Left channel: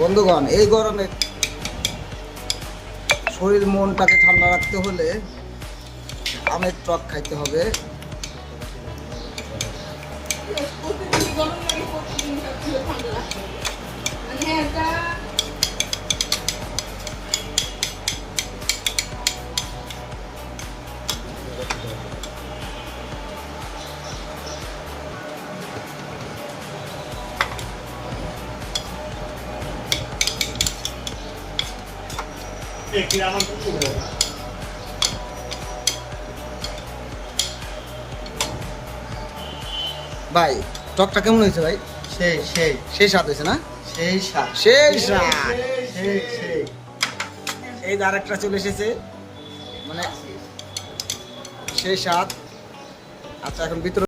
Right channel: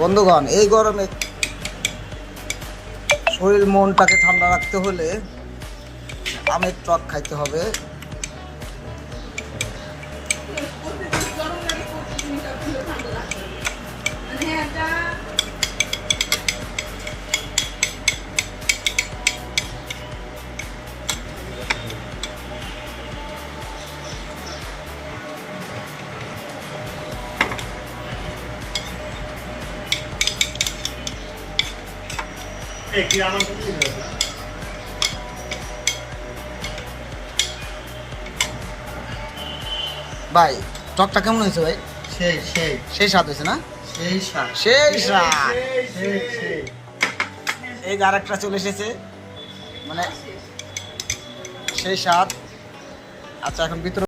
বন্ধুগণ, এই গরমে শরীর মনটাকে ঠান্ডা রাখতে হলে আমের টক খাইতে হবে। ভাই টকটা কেমন হয়েছে ভাই? সেই সেই সেই স্বাদ হয়েছে না? সেই স্বাদ, সেই স্বাদ। সেই সেই। এই যে আরেকটা চলে এসেছে, মানে সেই স্বাদ। আচ্ছা, এখন ভিতরে